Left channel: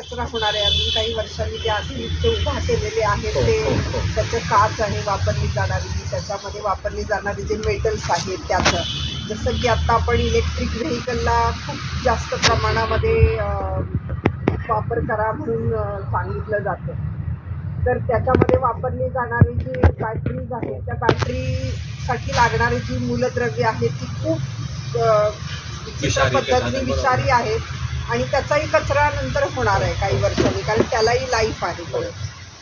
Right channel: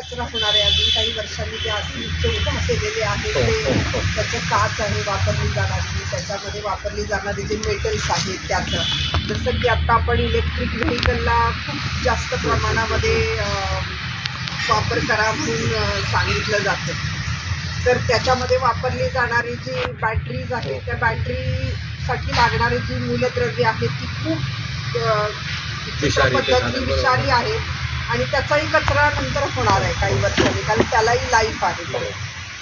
कचरा होणार आहे. अजून काही वर्षांनी जे आधुनिक जे उभा केलेले आहेत हो, ते हो, हो. त्याचं काच आहे वापरली जाणारी. त्याच्यामध्ये वापरली जाणारे जे मेटल्स आहेत त्याचं. जसं की आता आपण इलेक्ट्रिक व्हेकलला खूप जास्त प्रमाणामध्ये वापर करा म्हणून सांगितलं जातं. तर त्याच्यामध्ये वापरली जाणारी जी बॅटरीज आहेत त्या बॅटरीसाठी लागणारी जी मूलद्रव्य आहेत ती खूप विचित्र पद्धतीने. विषारी आहेत. आणि त्याचाही कचरा नंतर होणार आहे काही वर्षांनी कारण त्यालाही लाईफ आहे परत.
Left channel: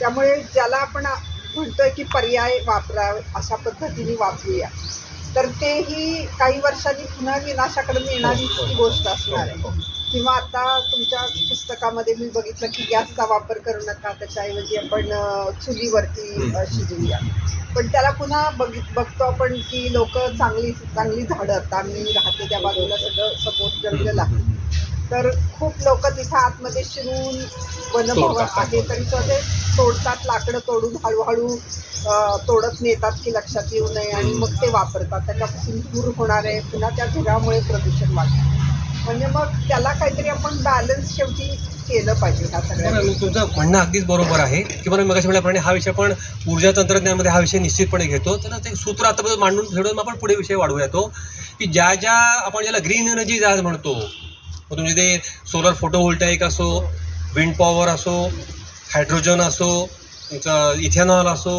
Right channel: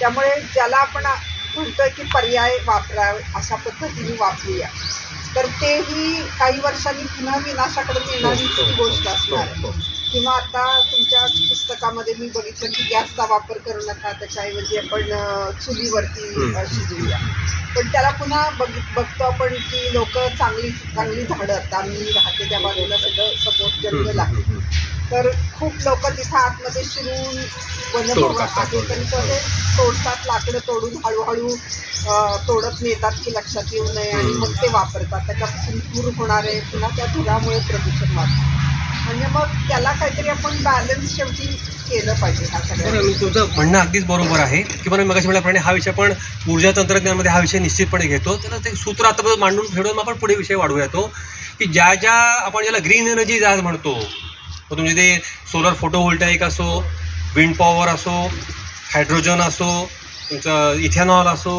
त्यामुळे ज्याला आपण म्हणतोय की पर्याय वापरा अशा पद्धतीने वापरूया. तर तेही काही वर्षांनी पुन्हा विनाशाकडे येणारीच हो, हो, गोष्ट हो, असणार हो, आहे किंवा आता तुमच्या पुस्तकामध्ये मी बघितलं की गॅसचा वापर करू नका त्याच्याऐवजी आपण चुलीवरती. शिजवूया. पण त्याला पुन्हा बघित बघतो आपण की लोक चांगली चांगली झाडं आता मी राहते त्या बाजूला सगळं समोर जंगल आहे. तर खूप लोक तिथं आतमध्ये शिरून. आहे तरी तो तोडतात लाकडं तोडून हळूहळू तोडत नेतात की लक्षात येऊ नये आणि. मग ते वापरतात त्याच्यापासून धूर होणार आहे पुन्हा त्या धुरामुळे प्रदूषण वाढतं म्हणजे मग त्याला काहीतरी आपण बॅलन्स शेवटी केलं पाहिजे ह्या सगळ्या तुमचं म्हणणं अगदीच बरोबर आहे की मला मगाशी म्हटल्याप्रमाणे हा विषय पण ऊर्जा तंत्रज्ञानामध्ये हा विषय निश्चितपणे घेतो तर ते सूत्र आता मांडून ठेवून आपण पुढे विषय वाढवूया तो की ज्या ज्या आपण ज्याला ग्रीन एनर्जी आज म्हणतो मग तुमचे ते सोलर फोटोव्होल्टाईक असो विंड पॉवर असो हायड्रोजन असो तुमचं इथेनॉल असो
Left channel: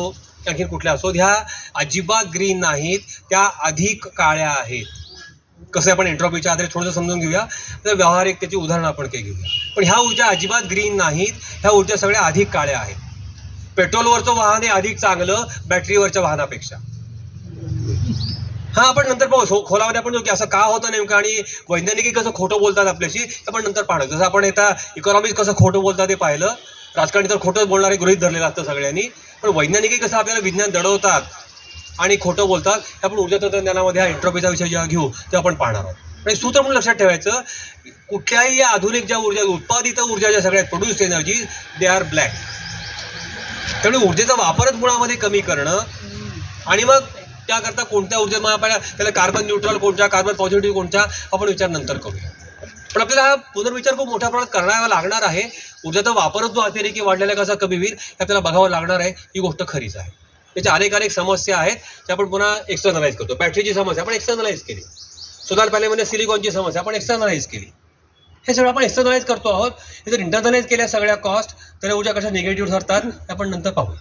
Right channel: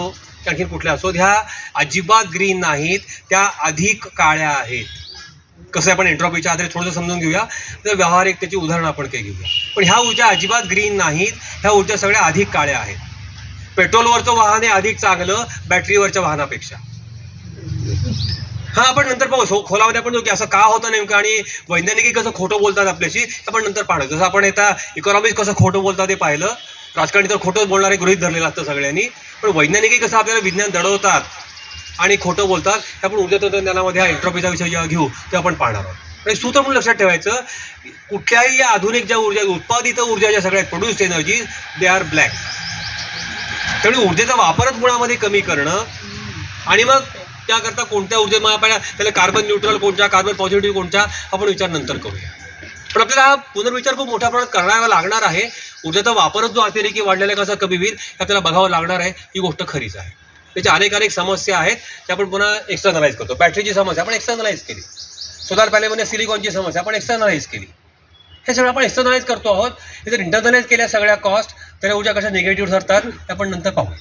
आणखी कुठल्या असो ह्या अजिबात ग्रीन नाहीत त्या अधिक काळ्या आहेत. कसं आहे आपण एन्ट्रॉपीच्या आधारे थोडंसं समजून घेऊया. तर व्यावहारिक त्याची उदाहरणं आपण काही घेऊया. पण ह्या ऊर्जा अजिबात ग्रीन नाहीत ह्या ऊर्जा सगळ्या अधिक काळ्या आहेत. पेट्रोलवरचं वाहन हे अधिक चांगलं बॅटरीवरच्या वाहनापेक्षा. हा आपण नंतर पाहू. खोलामध्ये आपण जाऊ की असं का होतं नेमकं आणि वैज्ञानिक कसं खोटं बोलतात आपल्याशी आपण नंतर पाहणार. जसं आपण आता इकॉनॉमिक्स कसं खोटं बोलतात ते पाहिलं. राजकारणी तर खोटं बोलणारे गृहित धरलेलं असतं सगळ्यांनी. पण वैज्ञानिकी कसं आपल्याला विज्ञान दडवतात आणि खोटं बोलतात हे आपण ऊर्जा तंत्रज्ञानामध्ये हा एंट्रॉपीचा विषय जेव्हा घेऊ ते आपण पाहणार आहोत. आणि सूत्र म्हणून लक्षात ठेवायचं कुठल्याही या आधुनिक ज्या ऊर्जा उत्पादित ऊर्जा ज्या सगळ्या produce energy they are black त्यामुळे ऊर्जेचा वापरच मुळामध्ये कमी करणं आणि मग त्याकरता कोणत्या ऊर्जे महापाड्या त्याला कार्बन न्यूट्रल कोणत्या कार्बन पॉझिटिव्ह कोणत्या आपण विचार नंतर करूया. पण आपल्याला हा पुनर्विचार खूप मोठ्या प्रमाणात करावा लागणार आहे. ऊर्जेचा वापरच जो अतिरेकी वाढलेला कसा कमी होईल हे आपल्याला बघावं लागणार आहे. ही गोष्ट खरीच आहे. त्याच्या अनेक अनेक समस्या आहेत त्या आपण पुन्हा एक्सटर्नलाइज करतो. बॅटरीची समस्या आपण एक्सटर्नलाइज केली. सोलार पॅनेलमध्ये सिलिकॉनची समस्या आपण एक्सटर्नलाइज केली. हे सगळं आपण एक्सटर्नलाइज करतो आहोत. हे जर इंटरनलाइज केल्या सगळ्या कॉस्ट त्याला ऊर्जा कशा निगेटिव्ह ठरतात हे आपण नंतर पाहूया.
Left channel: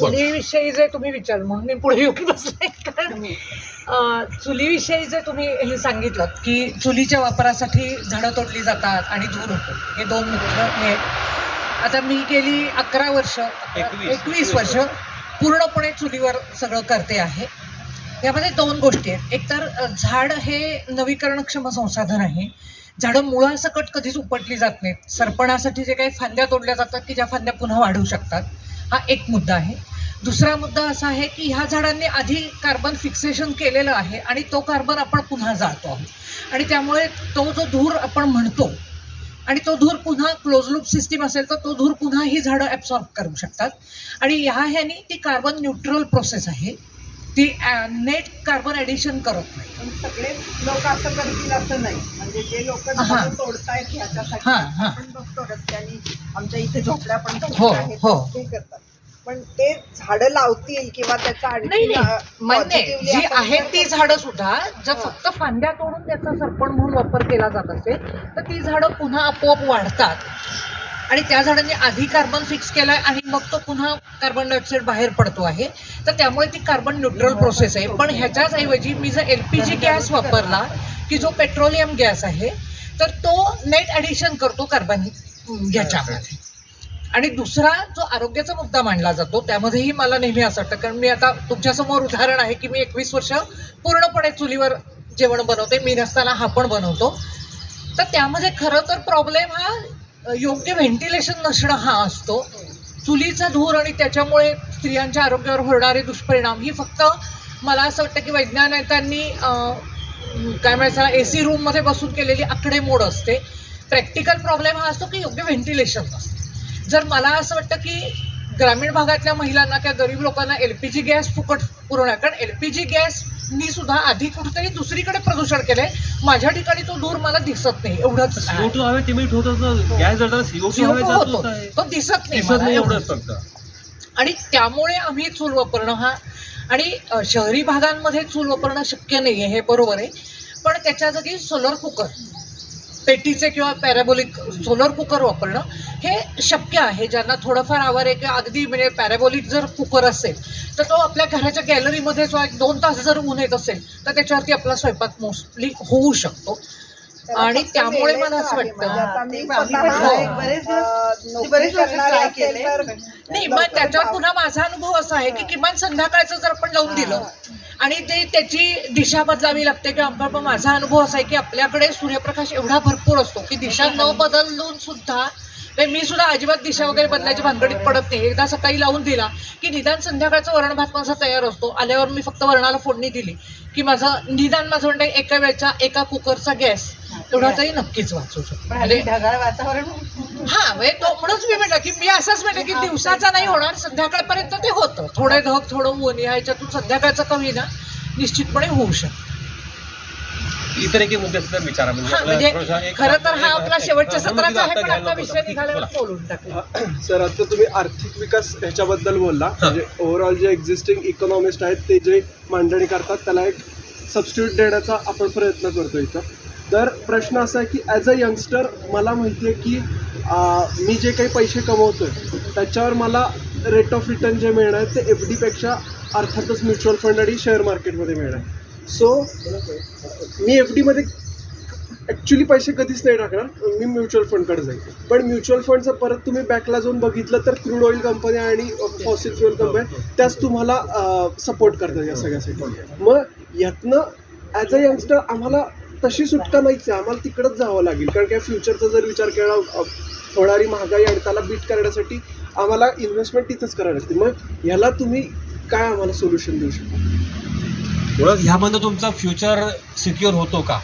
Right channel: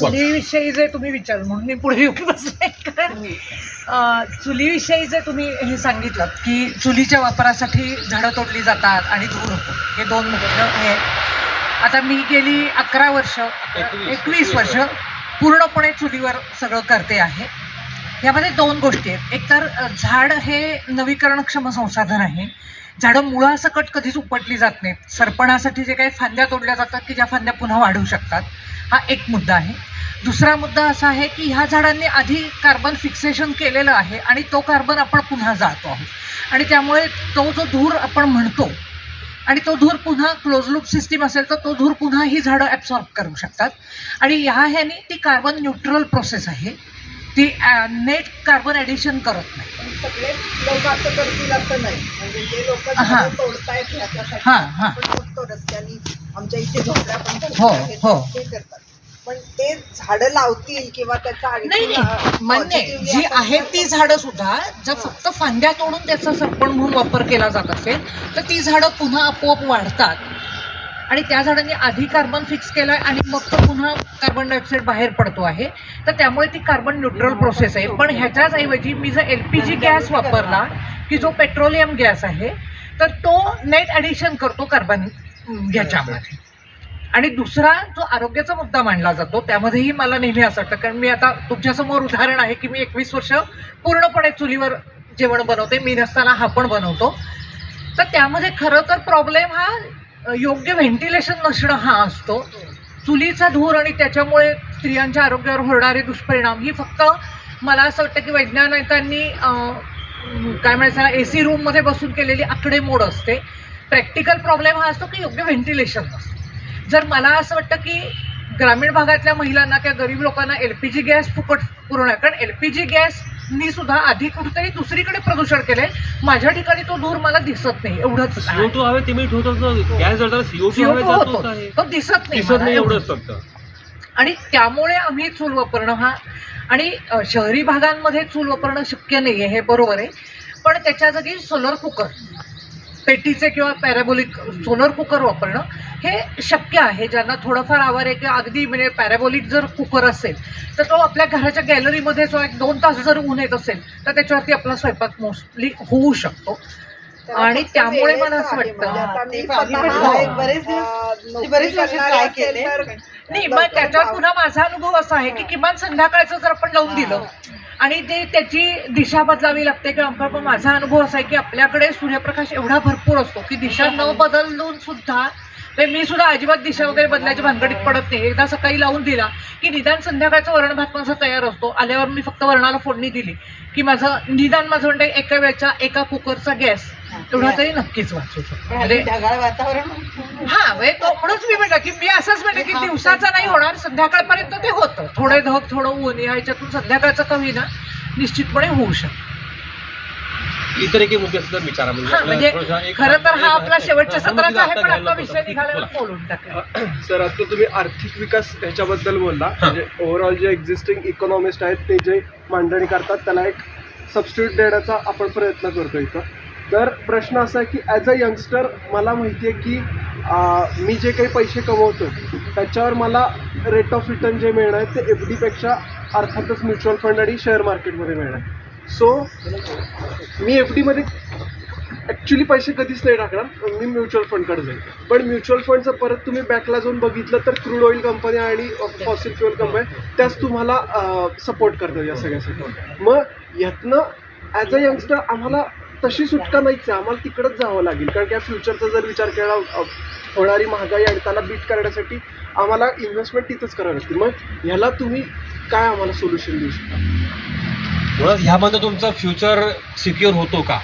चुलीविषयी जे तुम्ही विचार म्हणून मी पुढे येऊन बसले. कारण चुलीविषयी जे तुम्ही हे सांगितलं की चुलीच्या वापरासाठी झाडं तोडली जातात आणि धूर होतो. हे दोन मुख्य हे. आता मी गेली अकरा वर्ष एकवीस- वर्ष पूर्णपणे चुलीवर सगळं करते आहे. यामध्ये दोन गोष्टी आहेत. एकतर अ, झाड हे नवीकरणक्षम संसाधन आहे. झाडं मुळासकट कधीच उपटली जात नाहीत. सरपणासाठी जे काही फांद्या तोडल्या जातात की ज्या फांद्या पुन्हा वाढू शकतात हा एक मुद्दा आहे. दुसरा मुद्दा असा आहे की ह्या झाडांनी आधी कार्बन फिक्सेशन केलेलं आहे आणि तो कार्बन आपण पुन्हा जाळतो आहोत. आणि त्यामुळे तो जो धूर आपण म्हणतो आणि तो धूर पुन्हा क्लोज लूप सिस्टीम असेल तर तो धूर पुन्हा ही झाडं ॲब्सॉर्ब करू शकतात. आणि ह्या ह्यानी ती कार्बन न्यूट्रल प्रोसेस आहे. ती नेट कार्बन ॲडिशन करत नाही. पण सगळे लोक असं करतील असं नाही. म्हणजे जे लोक हा. तोडतायत ह्याच्यासाठी हा, हा. आपण बघतो रस्त्यानी आमच्या इथे झोपड्या पण हो, हो. ते करतात. पण ते झाडं लावतील किंवा त्याचा नाही आणखी नाही मान्य आहे. जी आहेत ती झाडं सुद्धा जर हा. फक्त फांद्या तोडून त्याचा सरपण म्हणून वापर केला जात असेल तर ती झाडं पुन्हा आपोआप वाढतात. आणि त्या झाडांनी आधी कार्बन फिक्स केलाय आणि मग तो पुन्हा कार्बन डायऑक्साईड बाहेर पडतो आहे. तर त्यामुळे ती कार्बन न्यूट्रल प्रोसेस आहे. पण ह्याच्याच ऐवजी मी जर एल पी जी गॅस वापरला की जो पेट्रोलियम गॅस आहे तर तो नेट ॲडिशन करतो कार्बन ह्याच्यामध्ये. आणि दुसरा जो आरोग्याचा मुद्दा मांडला जातो त्यामध्येही मला नेहमी असं वाटतं कारण मी आता तुमच्यासमोर उदाहरण आहे की मी एकवीस वर्ष पूर्णपणे चुलीवर जेवण बनवते मी नसताना हा पण बनवतो. तर त्यामध्ये खरं तर प्रॉब्लेम हा योग्य व्हेंटिलेशन नसणं हा असतो. चुलीचा धूर आणि त्याच्यामुळे स्त्रियांच्या आरोग्यावर होणारे दुष्परिणाम ही फक्त मला असं वाटतं की वैज्ञानिकांनी काय म्हणायचं ए सी रूममध्ये बसून केलेली आकडेमोड असते. प्रॅक्टिकल प्रॉब्लेम हा असतो की योग्य व्हेंटिलेशन नसतं. जर मला असं वाटतं की ग्रामीण भागातल्या महिलांना किंवा गरीब लोकांना एल पी जी गॅस फुकट पुरवणार कारण एल पी जी गॅसनी सुद्धा आधी कुठेतरी दुसरीकडे प्रदूषण केलंय. माझ्या ठिकाणी तो धूर मला दिसत नाही एवढंच ते ठेवतात ना गॅस जळताना सीओ टू हवे CO2 जातोच होतो. आहे तो दिसत नाही आणि त्यामुळे आम्ही चूल वापरणं हा. आणि शहरी भागांमध्ये चूल वापरणं शक्य नाही आहे हे बरोबर आहे. पण त्याच्या जागी सोलर कुकर पेटीचे किंवा पॅराबोलिक सोलर कुकर वापरणं हे शक्य आहे ज्यांना थोडंफार आवर आहे किंवा अगदी म्हणजे पॅराबोलिक जर कुकर असेल तर तो आपल्या घराच्या गॅलरीमध्ये जो एक दोन तास जर ऊन येत असेल तर त्याच्यावरती आपला स्वयंपाक मोस्टली होऊ शकतो आणि त्यामुळे मला असं. वाटतं- म्हणजे आता हा, बरेच बरेच केले. नाही मग जाऊ. पुन्हा माझा अनुभव असा आहे की किमान संध्याकाळचं जर आपण जाऊन दिलं आणि ते त्याची दिशा बदलावी लागते किंवा आपण पण माझा अनुभव असा आहे की आपल्याकडे सूर्यप्रकाश एवढा भरपूर असतो की दिशा न बदलून सुद्धा म्हणजे मी सुद्धा अजिबात दिशा वगैरे बदलायची भानगडीत पडत नाही. एकदा सकाळी लावून दिला की निदान संध्याकाळचा वरण भात माझा तयार असतो. आल्यावर मी फक्त वरणाला फोडणी दिली की माझं निदान माझं म्हणतं एका वेळचा एका कुकरचा गॅस. एवढा तरी नक्कीच वाचू शकतो. ढगाळ वातावरण हा म्हणजे तो म्हणूनच मी म्हटलं की मी असंच म्हटलं की दिवसाचा नाही होणार संध्याकाळपर्यंत ते होतं. थोडे धग थोडं ऊन या ह्याच्यातून संध्याकाळचं कमी ना निश्चितपणे होऊ शकतं. इतर एक मुद्दे सुद्धा विचारा म्हणजे हा, म्हणजे खरं तर हा आपला शेवटच्या हा, सत्राचा आहे आता पण आता. विषय निघाला बोला. बोलून टाकला सर आता तुम्ही आर्थिक विकास ह्याच्याबद्दल बोलला. म्हणजे ओव्हरऑल जे एक्झिस्टिंग इकॉनॉमिस्ट आहेत ते जे मांडणी करतात त्याला एक सबस्टिट्यूट देण्याचा आपण प्रयत्न करतो इथं. तर प्रश्न असा आहे की ॲज अ यंगस्टर मला माहिती आहे की मी जे काही पैसे कमवतो त्याच्यावर मला रेट ऑफ रिटर्न जे मिळणार आहे ते एफ डीपेक्षा अर्थातच म्युच्युअल फंड आणि शेअर मार्केटमध्ये मिळणार सो मी एफ डीमध्ये ॲक्च्युली पैसे कधीच नाही टाकणार मी म्युच्युअल फंडकडे जाईल. पण म्युच्युअल फंडचं परत तुम्ही बॅकला जाऊन बघितलं तर क्रूड ऑइल कंपनी आणि फॉसिल फ्युअल कंपनी त्याच तुम्हाला सपोर्ट करतात या सगळ्यासाठी मग यातनं ॲज अ यंगस्टर आम्हाला तशी सुटका नाहीच आहे आम्हाला तिकडंच जावं लागेल. कारण की फ्युचरचा जर विचार केला होणारी महागाई आणि त्याला बीट करण्यासाठी आम्हाला इन्व्हेस्टमेंट तिथंच करावी लागते. मग ह्याला तुम्ही काय आम्हाला सोल्युशन देऊ शकता? ह्यामध्ये तुमचा फ्युचर सिक्युअर होतो का?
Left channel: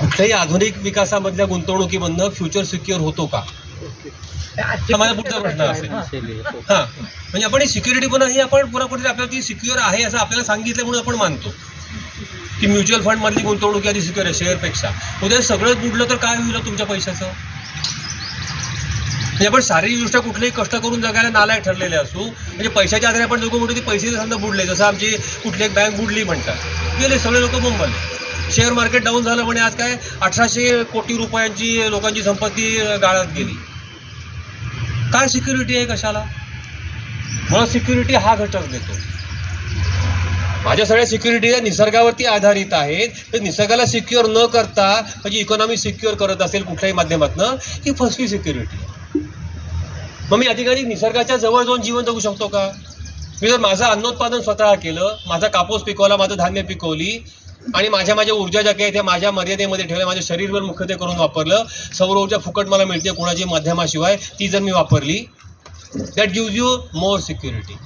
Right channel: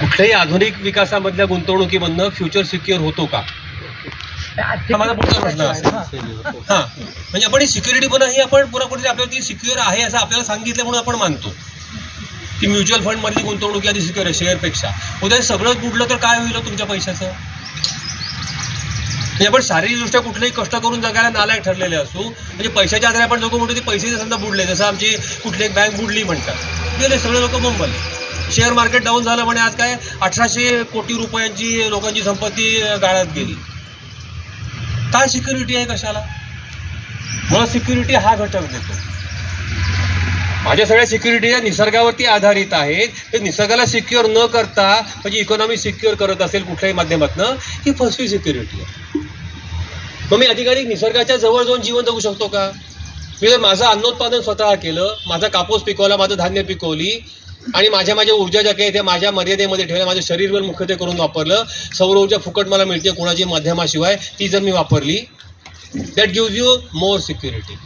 कुठल्याही आधुनिक विकासामधल्या गुंतवणुकीमधनं फ्युचर सिक्युअर होतो का? माझा पुढचा प्रश्न असेल हा. म्हणजे आपण सिक्युरिटी पण ही आपण पुन्हा कुठेतरी आपल्याला ती सिक्युअर आहे असं आपल्याला सांगितलं म्हणून आपण मानतो. की म्युच्युअल फंड मधली गुंतवणूक यादी सिक्युअर आहे शेअरपेक्षा. उद्या सगळंच बुडलं तर काय होईल हो तुमच्या पैशाचं? म्हणजे आपण शारीरिकदृष्ट्या कुठलेही कष्ट करून जगायला नालायक ठरलेले असू म्हणजे पैशाच्या आधारे आपण लोक म्हणतो ते पैसे समजा बुडले जसं आमची कुठली एक बँक बुडली म्हणतात. गेले सगळे लोक मुंबईले शेअर मार्केट डाऊन झालं म्हणे आज काय अठराशे कोटी रुपयांची लोकांची संपत्ती गाळात गेली. काय सिक्युरिटी आहे कशाला? मला सिक्युरिटी हा घटक देतो. माझ्या सगळ्या सिक्युरिटी निसर्गावरती आधारित आहेत. ते निसर्गाला सिक्युअर न करता म्हणजे इकॉनॉमी सिक्युअर करत असेल कुठल्याही माध्यमातनं ही फसवी सिक्युरिटी आहे. मग मी अधिकाधिक निसर्गाच्या जवळ जाऊन जीवन जगू शकतो का? मी जर माझं अन्नोत्पादन स्वतः केलं माझा कापूस पिकवला माझं धान्य पिकवली आणि माझ्या माझ्या ऊर्जा ज्या काही त्या माझ्या मर्यादेमध्ये ठेवल्या माझ्या शरीरवर मुख्यत्वे करून वापरलं सौर ऊर्जा फुकट मला मिळते कोणाची माध्यमाशिवाय ती जर मी वापरली that gives you more security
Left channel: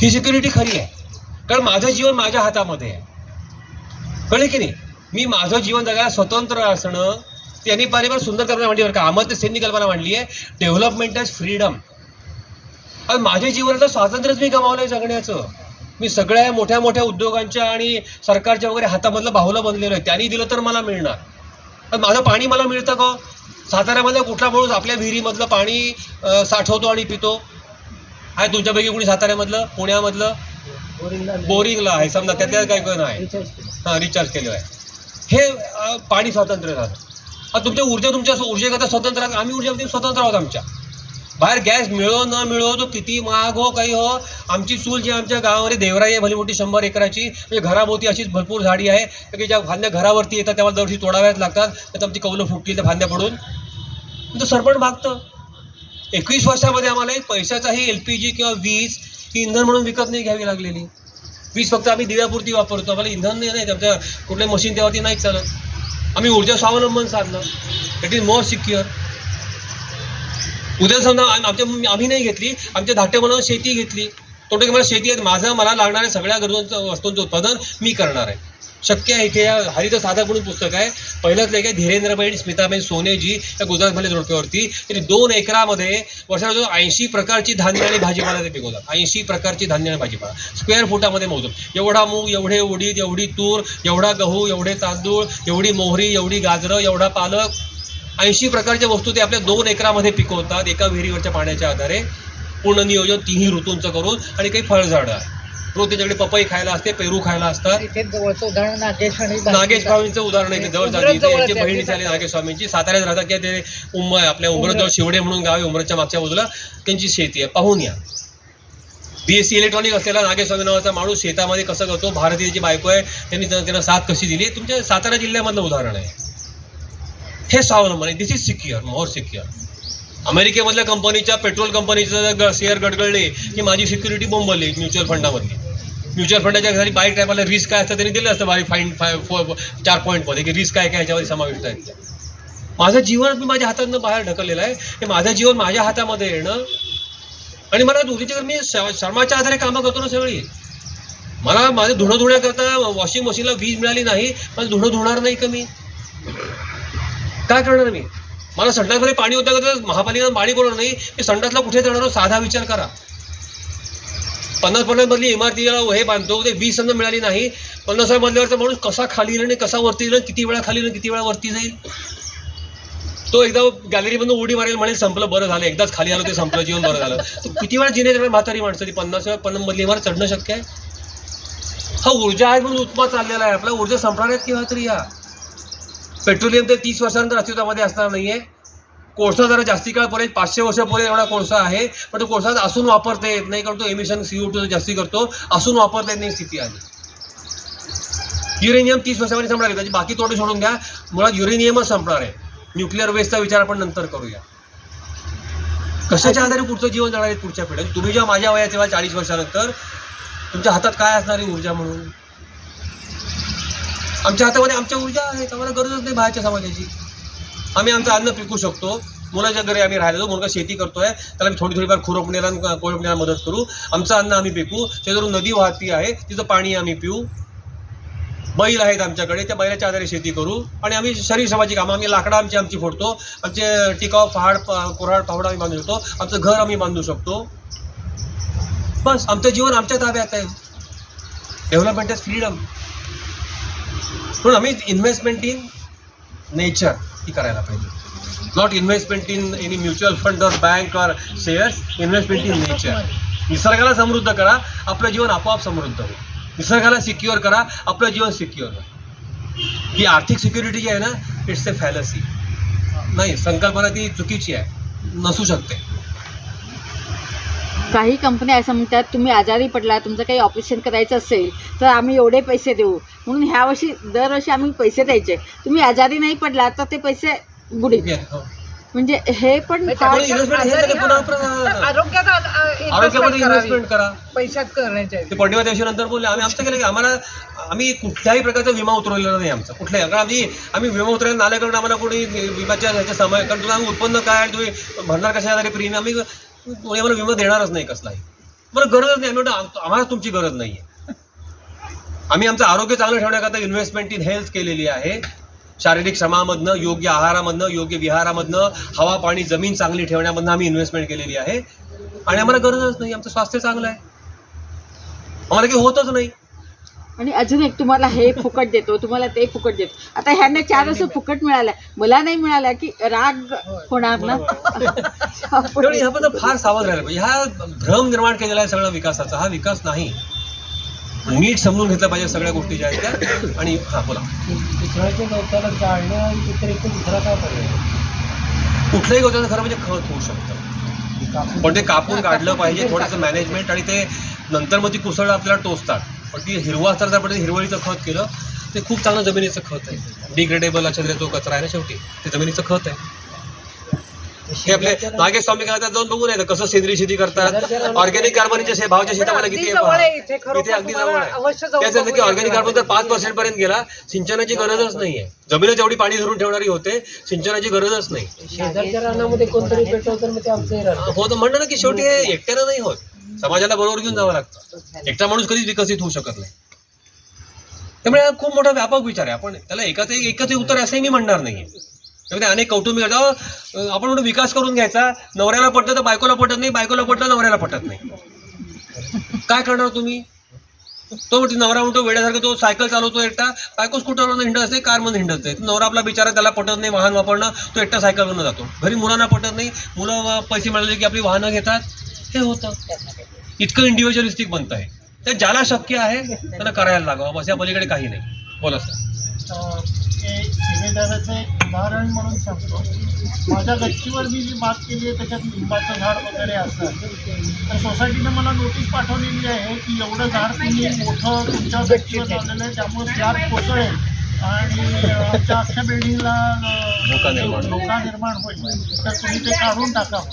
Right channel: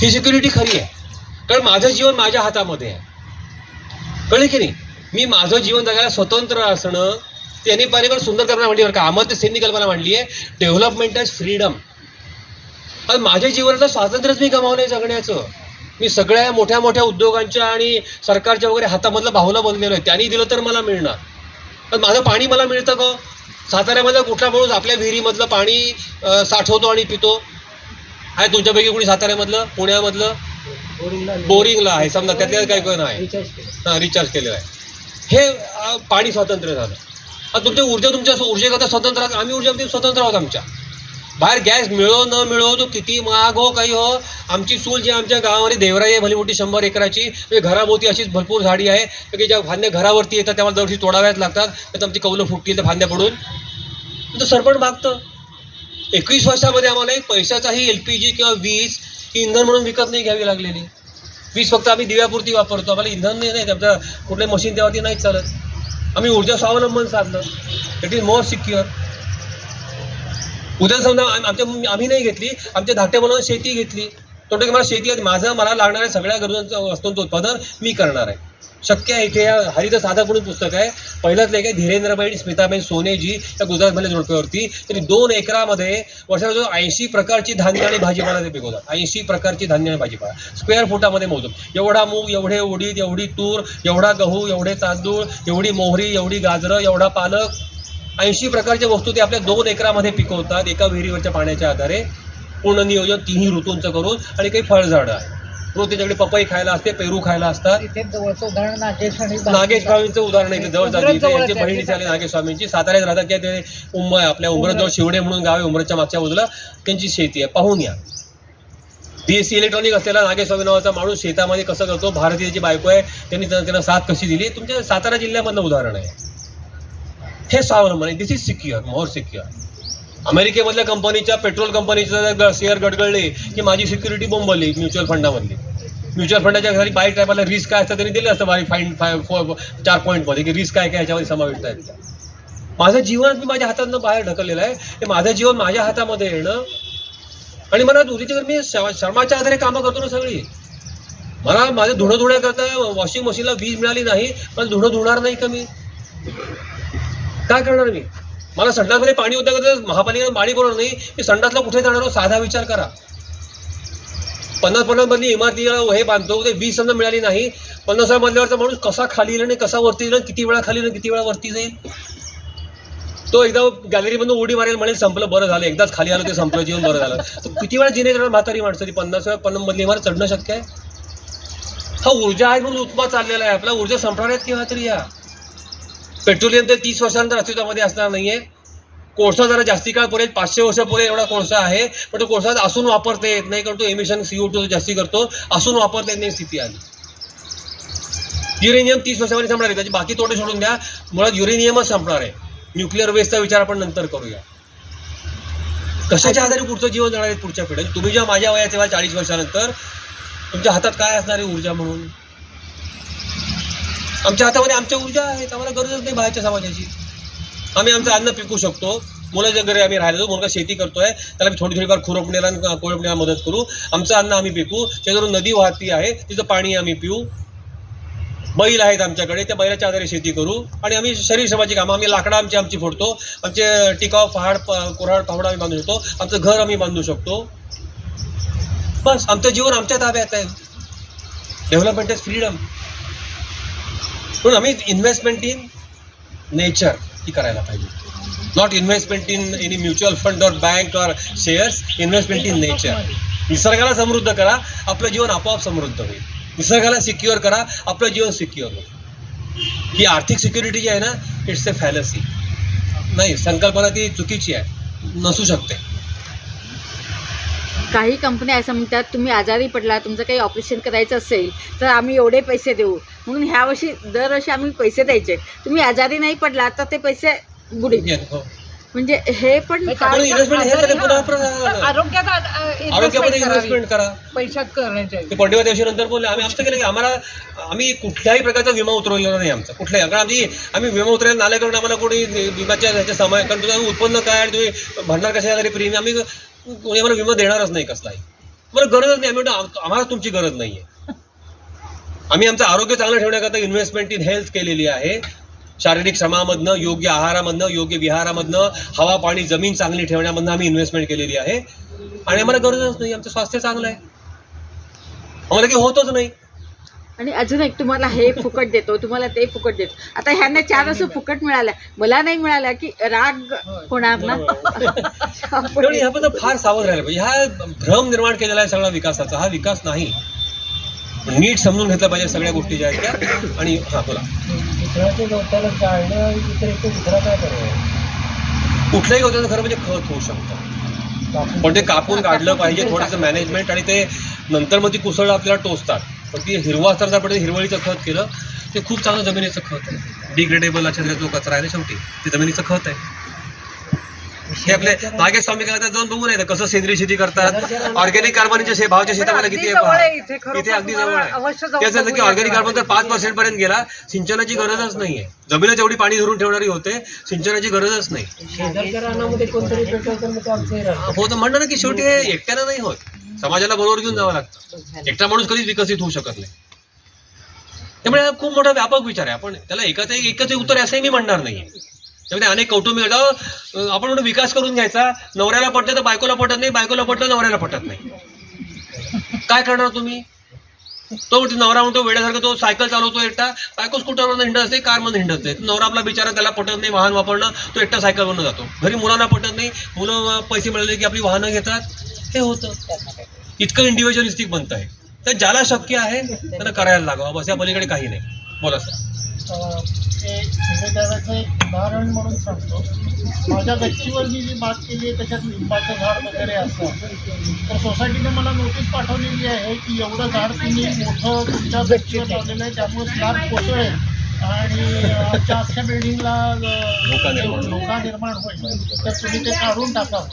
he security खरी आहे. कारण माझं जीवन माझ्या हातामध्ये आहे. कळले की नाही? मी माझं जीवन जगायला स्वतंत्र असणं त्यांनी परिवार सुंदर कल्पना मांडली. बरं का? अमर्त्य सेननी कल्पना मांडली आहे. डेव्हलपमेंट इज फ्रीडम आणि माझ्या जीवनाचं स्वातंत्र्यच मी गमावलंय जगण्याचं. मी सगळ्या मोठ्या मोठ्या उद्योगांच्या आणि सरकारच्या वगैरे हातामधलं बाहुलं बनलेलं आहे. त्यांनी दिलं तर मला मिळणार. पण माझं पाणी मला मिळतं का हो? साताऱ्यामध्ये कुठला माणूस आपल्या विहिरीमधलं पाणी साठवतो आणि पितो? आहे तुमच्यापैकी कोणी साताऱ्यामधलं? पुण्यामधलं? बोरिंगला आहे. समजा त्यातल्या काही कोण आहे. हां रिचार्ज केलेलं आहे. हे पाणी स्वातंत्र्य झालं. आता तुमच्या ऊर्जा तुमच्या ऊर्जेकरता स्वतंत्र आम्ही ऊर्जेमध्ये स्वतंत्र आहोत आमच्या. बाहेर गॅस मिळो न मिळो तो किती महाग हो काही हो आमची चूल जी आमच्या गावामध्ये देवराई आहे भली मोठी शंभर एकराची म्हणजे घराभोवती अशीच भरपूर झाडी आहे. की ज्या फांद्या घरावरती येतात त्यामुळे दरवर्षी तोडाव्याच लागतात. तर आमची कौलं फुटतील तर फांद्या पडून. तर सरपण भागतं. एकवीस वर्षामध्ये आम्हाला एक पैशाचाही एल पी जी किंवा वीज ती इंधन म्हणून विकत नाही घ्यावी लागलेली. वीज फक्त आम्ही दिव्यापुरती वापरतो. आम्हाला इंधन नाही नाही आमच्या कुठल्या मशीन त्यावरती नाही चालत. आम्ही ऊर्जा स्वावलंबन साधलं. इट इज मोर सिक्युअर उद्या समजा आमच्या आम्ही नाही घेतली आमच्या धाट्या मुलांना शेती घेतली. तोटे की मला शेती आहे माझं मला लागणाऱ्या सगळ्या गरजांचं वस्तूंचं उत्पादन मी करणार आहे. शक्य आहे इथे या हरित साधक म्हणून पुस्तक आहे. पहिलंच लेख आहे धीरेंद्रबाई स्मिताबाई सोनेजी या गुजरातमधल्या जोडप्यावरती. त्यांनी दोन एकरामध्ये वर्षाला ऐंशी प्रकारची धान्य आणि भाजीपाला ते पिकवतात. ऐंशी प्रकारची धान्य आणि भाजीपाला. स्क्वेअर फुटामध्ये मोजून. एवढा मूग एवढे उडीद एवढी तूर एवढा गहू एवढे तांदूळ एवढी मोहरी एवढी गाजरं एवढा पालक. ऐंशी प्रकारच्या वस्तू ते आपल्या दोन एकरामध्ये पिकवतात. एका विहिरीवरच्या पाण्याच्या आधारे. पूर्ण नियोजन तिन्ही ऋतूंचं करून आणि काही फळझाडं आहे. रोज त्याच्याकडे पपई खायला असते पेरू खायला असतात. नागेश स्वामींचं उदाहरण इथे जवळ यांची. बहिणी झाली नागेश स्वामींची साताऱ्यात राहतात किंवा ते उम आपल्या उमरजवळ शिवडे म्हणून गाव आहे उमरच्या मागच्या बाजूला. त्यांची शेती आहे. पाहून या. बीएससी इलेक्ट्रॉनिक असलेला नागेश स्वामी नावाचा माणूस शेतामध्ये कसं करतो? भारतीयची बायको आहे त्यांनी त्यांना त्यांना साथ कशी दिली? तुमच्या सातारा जिल्ह्यामधलं उदाहरण आहे. हे स्वावलंबन आहे. This is secure more secure अमेरिकेमधल्या कंपनीच्या पेट्रोल कंपनीचं शेअर गडगडले की माझी सिक्युरिटी बोंबली म्युच्युअल फंडामधली. म्युच्युअल फंडाच्या घरी बाईक टायमाला रिस्क काय असतं त्यांनी दिलं असतं बाई फाईन फाय फोर चार पॉईंटमध्ये की रिस्क काय काय याच्यामध्ये समाविष्ट आहे माझं जीवन मी माझ्या हातातनं बाहेर ढकललेलं आहे. हे माझं जीवन माझ्या हातामध्ये येणं आणि मला उद्याच्या मी श- श्रमाच्या आधारे कामं करतो ना सगळी. मला माझं धुणं धुण्याकरता वॉशिंग मशीनला वीज मिळाली नाही मला धुणं धुणार नाही का मी? काय करणार मी? मला संडासमध्ये पाणी होतं तर महापालिकेला पाणी बोलणार नाही मी संडासला कुठे जाणार हो? साधा विचार करा. पन्नास पन्नास मधली इमारतीला हे बांधतो ते वीस समजा मिळाली नाही पन्नास मधल्यावरचा माणूस कसा खाली येईल आणि कसा वरती येईल किती वेळा खाली येईल किती वेळा वरती जाईल? तो एकदा गॅलरीमधून उडी मारेल म्हणेल संपलं बरं झालं. एकदाच खाली आलं ते संपलं जीवन बरं झालं. तर किती वेळा जिने जाणार म्हातारी माणसं ती पन्नास वेळा पन्नास मधली इमारत चढणं शक्य आहे? हा ऊर्जा आहे म्हणून उत्पाद चाललेला आहे. आपला ऊर्जा संपणार आहेत केव्हा तरी या? पेट्रोलियम तर तीस वर्षानंतर अस्तित्वामध्ये असणार नाहीये. कोळसा जरा जास्ती काळ पडेल पाचशे वर्ष पडेल एवढा कोळसा आहे पण तो कोळसा असून वापरता येत नाही कारण तो एमिशन सीओ टू जास्ती करतो असून वापरता येत नाही स्थिती आली. युरेनियम तीस वर्षामध्ये संपणार आहे त्याची बाकी तोडे सोडून द्या. मुळात युरेनियमच संपणार आहे. न्यूक्लिअर वेस्टचा विचार आपण नंतर करूया. कशाच्या आधारे पुढचं जीवन जाणार आहे पुढच्या पिढ्या तुम्ही जेव्हा माझ्या वयात तेव्हा चाळीस वर्षानंतर तुमच्या हातात काय असणार आहे ऊर्जा म्हणून? आमच्या हातामध्ये आमच्या ऊर्जा आहे आम्हाला गरजच नाही बाहेरच्या समाजाची. आम्ही आमचं अन्न पिकू शकतो. मुलाच्या घरी आम्ही राहिलो मुलगा शेती करतोय त्याला मी थोडी थोडीफार खुरपण्याला कोळपण्याला मदत करू. आमचं अन्न आम्ही पिकू. त्याच्यावरून नदी वाहती आहे तिचं पाणी आम्ही पिऊ. बैल आहेत आमच्याकडे त्या बैलाच्या आधारे शेती करू. आणि आम्ही शरीर श्रमाची कामं आम्ही लाकडं आमची आमची फोडतो. आमचे टिकाव पहाड प- कोराड पहाड आम्ही बांधू शकतो. आमचं घर आम्ही बांधू शकतो. बस आमचं जीवन आमच्या ताब्यात आहे. डेव्हलपमेंट इज फ्रीडम म्हणून आम्ही इन्व्हेस्टमेंट इन नेचर ती करायला पाहिजे. Not investment in any mutual fund or bank or shares investment in nature निसर्गाला समृद्ध करा आपलं जीवन आपोआप समृद्ध होईल. निसर्गाला सिक्युअर करा आपलं जीवन सिक्युअर होईल. ही आर्थिक सिक्युरिटी जी आहे ना इट्स ए फॅलसी नाही संकल्पना ती चुकीची आहे. नसू शकते. काही कंपन्या असं म्हणतात तुम्ही आजारी पडला तुमचं काही ऑपरेशन करायचं असेल तर आम्ही एवढे पैसे देऊ. म्हणून ह्या वर्षी दरवर्षी आम्ही पैसे द्यायचे. तुम्ही आजारी नाही पडला तर ते पैसे बुडीत हो. म्हणजे हे पण पैशात दिवशी नंतर बोलले आम्ही आमचं केलं की आम्हाला आम्ही कुठल्याही प्रकारचा विमा उतरवलेला नाही आमचा कुठल्याही. कारण आम्ही आम्ही विमा उतरायला नाले कारण आम्हाला कोणी विम्याच्या ह्याच्या समय कारण तुम्ही आम्ही उत्पन्न काय आणि तुम्ही भरणार कशा आधारे प्रीमियम आम्ही कोणी आम्हाला विमा देणारच नाही कसलाही. मला गरजच नाही. आम्ही आम्हाला तुमची गरज नाही आहे आम्ही आमचं आरोग्य चांगलं ठेवण्याकरता इन्व्हेस्टमेंट इन हेल्थ केलेली आहे. शारीरिक श्रमामधनं योग्य आहारामधनं योग्य विहारामधनं हवा पाणी जमीन चांगली ठेवण्यामधनं आम्ही इन्व्हेस्टमेंट केलेली आहे. आणि आम्हाला गरजच नाही आमचं स्वास्थ्य चांगलं आहे. आम्हाला काही होतच नाही. आणि अजून एक तुम्हाला हे फुकट देतो तुम्हाला ते फुकट देतो. आता ह्यांना चार असं फुकट मिळालं. मला नाही मिळालं की राग होणार ना? त्यामुळे ह्याबद्दल फार सावध राहिलं पाहिजे. हा भ्रम निर्माण केलेला आहे सगळा विकासाचा. हा विकास नाही. नीट समजून घेतलं पाहिजे सगळ्या गोष्टी ज्या आहेत त्या. आणि हा बोला. दुसऱ्याच्या गवताला जाळणं व्यतिरिक्त दुसरा काय पर्याय कुठल्याही गोष्टीचं खरं म्हणजे खत होऊ शकतं. पण ते कापून काढलं पाहिजे थोडंसं मॅनेजमेंट आणि ते नंतर मग ती कुसळ आपल्याला टोचतात. पण ती हिरवा असताना आपण हिरवळीचं खत केलं ते खूप चांगलं जमिनीचं खत आहे. डिग्रेडेबल अशा जो कचरा आहे ना शेवटी. ते जमिनीचं खत आहे. हे आपले नागेश स्वामी करतात जाऊन बघून येतं कसं सेंद्रिय शेती करतात. ऑर्गॅनिक कार्बनच्या शे भावाच्या शेतामध्ये किती. इथे अगदी जवळ त्याचं की ऑर्गॅनिक. कार्बन जर पाच पर्सेंट पर्यंत गेला. सिंचनाची गरजच नाहीये जमिनीत जेवढी पाणी धरून ठेवणारी होते सिंचनाची गरजच नाही. शेजारच्या रानामध्ये कोणतरी पेटवलं तर मग ते आमचंही राहतं हो तर म्हणणं ना की शेवटी हे एकट्यानं नाही होत. समाजाला बरोबर घेऊन जावं लागतं. एकटा माणूस कधीच विकसित होऊ शकत नाही. त्यामुळे हा खूप मोठा व्यापक विचार आहे. आपण त्याला एकाच एक एकच एक उत्तर असंही मी म्हणणार नाही त्यामुळे अनेक कौटुंबिक आपण म्हणून विकास करून घ्यायचा. नवऱ्याला पटलं तर बायकोला पटत नाही बायकोला पटलं नवऱ्याला पटत नाही. काय करणार तुम्ही? तो म्हणतो नवरा म्हणतो वेड्यासारखं तो सायकल चालवतो एकटा. बायको स्कूटरवरून हिंडत असते कारमधून हिंडत असते. नवरा आपला बिचारा त्याला पटत नाही वाहन वापरणं तो एकटा सायकलवरनं जातो. घरी मुलांना पटत नाही. मुलं पैसे मिळाले की आपली वाहनं घेतात. हे होतं. इतकं इंडिव्हिज्युअलिस्टिक बनत आहे तर ज्याला शक्य आहे त्यांना करायला लागावं. बस या पलीकडे काही नाही. बोला सर ते शिलेदाराचं एक उदाहरण म्हणून सांगतो. माझ्या गच्चीवर मी जी बाग केली आहे त्याच्यात लिंबाचं झाड वगैरे असतं तर सोसायटीने मला नोटीस पाठवलेली आहे की एवढं झाड तुम्ही मोठं तुमच्या गच्चीवर लावलेलं आहे त्यामुळे स्लॅब कोसळेल. आणि आमच्या अख्ख्या बिल्डिंगला धोका निर्माण होईल. धोका निर्माण होईल. तर तुम्ही ते काढून टाकावं.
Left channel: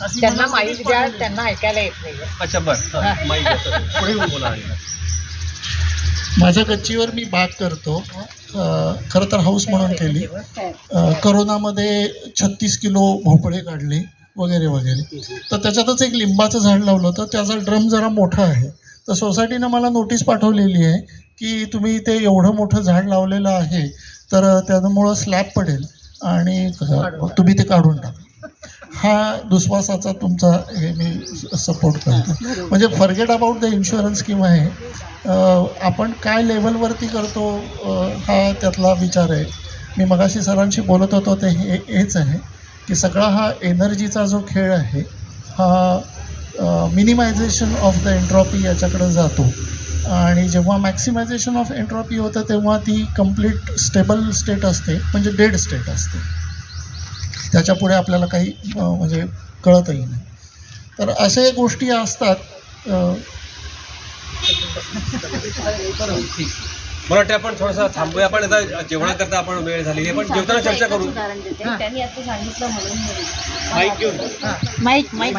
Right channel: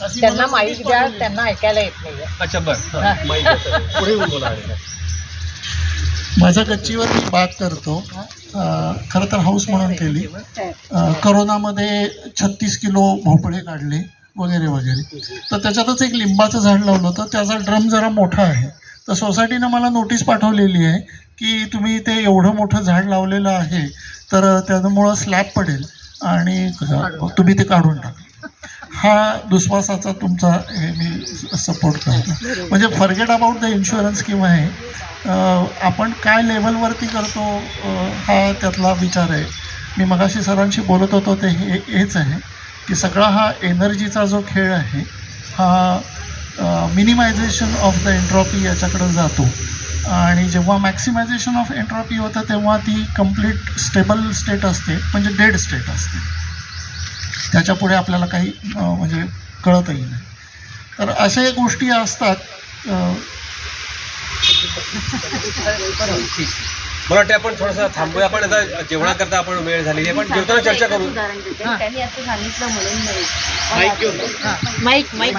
अशी त्यांना माहीत द्या. त्यांना ऐकायला येत नाही अच्छा बरं. माझ्या गच्चीवर मी बाग करतो. खरं तर हाऊस म्हणून केली. अ, करोनामध्ये छत्तीस किलो भोपळे काढले वगैरे वगैरे. तर त्याच्यातच एक लिंबाचं झाड लावलं होतं. त्याचा ड्रम जरा मोठा आहे. तर सोसायटीनं मला नोटीस पाठवलेली आहे की तुम्ही ते एवढं मोठं झाड लावलेलं आहे तर त्यामुळं स्लॅब पडेल आणि तुम्ही ते काढून टाका. हा दुश्वासाचा तुमचा हे मी सपोर्ट करतो. म्हणजे फॉरगेट अबाउट द इन्शुरन्स किंवा हे अं, आपण काय लेवलवरती करतो हा त्यातला विचार आहे. मी मगाशी सरांशी बोलत होतो ते हे हेच आहे की सगळा हा एनर्जीचा जो खेळ आहे हा मिनिमायझेशन ऑफ द एंट्रॉपी याच्याकडे जातो. आणि जेव्हा मॅक्सिमायझेशन ऑफ एंट्रॉपी होतं तेव्हा ती कंप्लीट स्टेबल स्टेट असते म्हणजे डेड स्टेट असते. त्याच्या पुढे आपल्याला काही म्हणजे कळतही नाही. तर अशा एक गोष्टी असतात मला वाटतं आपण थोडंसं थांबूया आपण आता जेवणाकरता आपण वेळ झालेली आहे पण जेवताना चर्चा करू. त्यांनी आता सांगितलं म्हणून. माईक माईक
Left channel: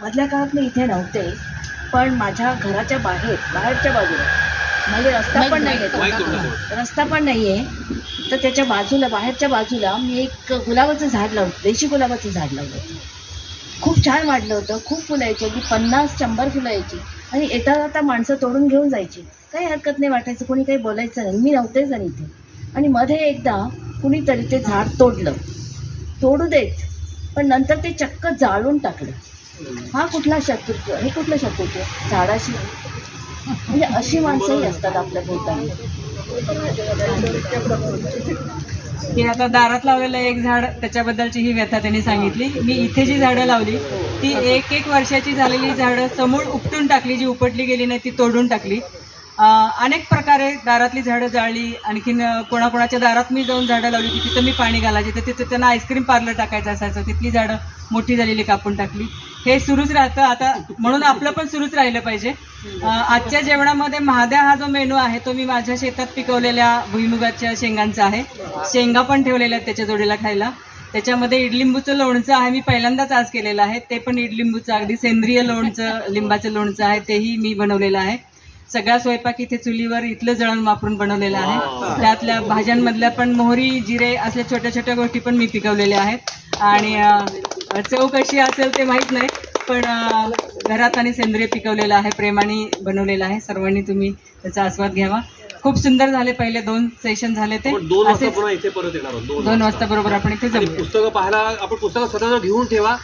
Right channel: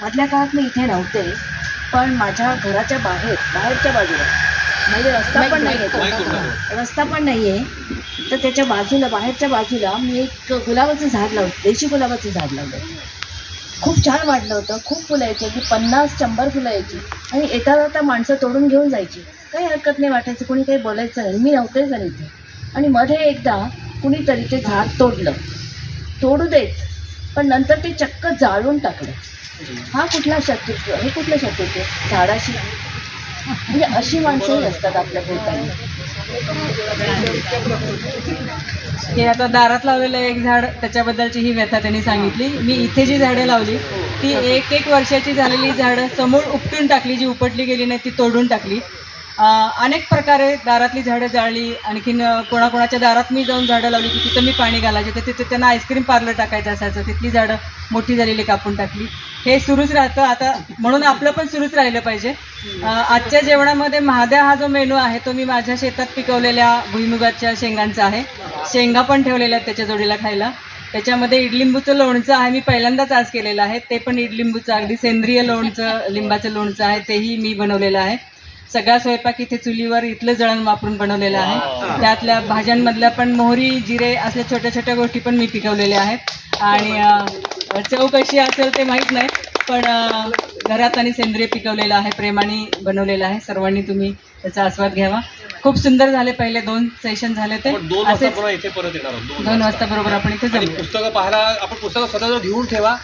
मधल्या काळात मी इथे नव्हते पण माझ्या घराच्या बाहेर बाहेरच्या बाजूला म्हणजे रस्ता पण नाही. आहे रस्ता पण नाही आहे तर त्याच्या बाजूला बाहेरच्या बाजूला मी एक गुलाबाचं झाड लावलं देशी गुलाबाचं झाड लावलं होतं. खूप छान वाढलं होतं खूप फुलं यायची अगदी पन्नास शंभर फुलं यायची. आणि येता जाता माणसं तोडून घेऊन जायची. काही हरकत नाही वाटायचं कोणी काही बोलायचं नाही. मी नव्हतेच आणि इथे. आणि मध्ये एकदा कुणीतरी ते झाड तोडलं. तोडू देत पण नंतर ते चक्क जाळून टाकलं. हा कुठला शत्रुत्व हे कुठलं शत्रुत्व? झाडाशी म्हणजे अशी माणसंही असतात आपल्या भोवताली. हे आता दारात लावलेलं एक झाड त्याच्याबद्दलची ही व्यथा त्यांनी सांगितली. मी इथे जी झाडं लावली ती एक एक वर्षाची झालेली झाडं समोर उपटून टाकली जी उपटली गेली नाही ती तोडून टाकली. अनेक प्रकारे दारातली झाडं जाळली. आणखीन कोणाकोणाच्या दारात मी जाऊन झाडं लावली की तिथं मी पाणी घालायचे. तर तिथे त्यांना आईस्क्रीम पार्लर टाकायचं असायचं. तिथली झाडं मोठी झालेली कापून टाकली. हे सुरूच राहतं. आता म्हणून आपलं पण सुरूच राहिलं पाहिजे. आजच्या जेवणामध्ये महाद्या हा जो मेनू आहे तो मी माझ्या शेतात पिकवलेल्या भुईमुगाच्या शेंगांचा आहे. शेंगा पण ठेवलेल्या आहेत त्याच्या जोडीला खायला. त्याच्यामध्ये इडलिंबूचं लोणचं आहे मी पहिल्यांदाच आज केलेलं आहे. ते पण इडलिंबूचं अगदी सेंद्रिय लोणचं लिंबाचं लोणचं आहे तेही मी बनवलेलं आहे. सगळा स्वयंपाक इथे चुलीवर इथलं जळण वापरून बनवलेलं आहे. त्यातल्या भाज्यांमधल्या पण मोहरी जिरे असल्या छोट्या छोट्या गोष्टी पण मी पिकवलेल्या आहेत. आणि चव कशी असेल ते माहीत नाही पण घरात आणि सेंद्रिय पिकवलेलं आहे प्रेमाने बनवलेलं आहे सर्वांनी तुम्ही त्याचा आस्वाद घ्यावा. खूप सुंदर झाले पहिले दोन सेशन झाले ते. दोन वाजता इथे परत येणार आहोत दोन वाजता. बरोबर आपण इथे आणि जमू पुस्तकं पाहायला आपण पुस्तकं स्वतः घेऊन ठेवा.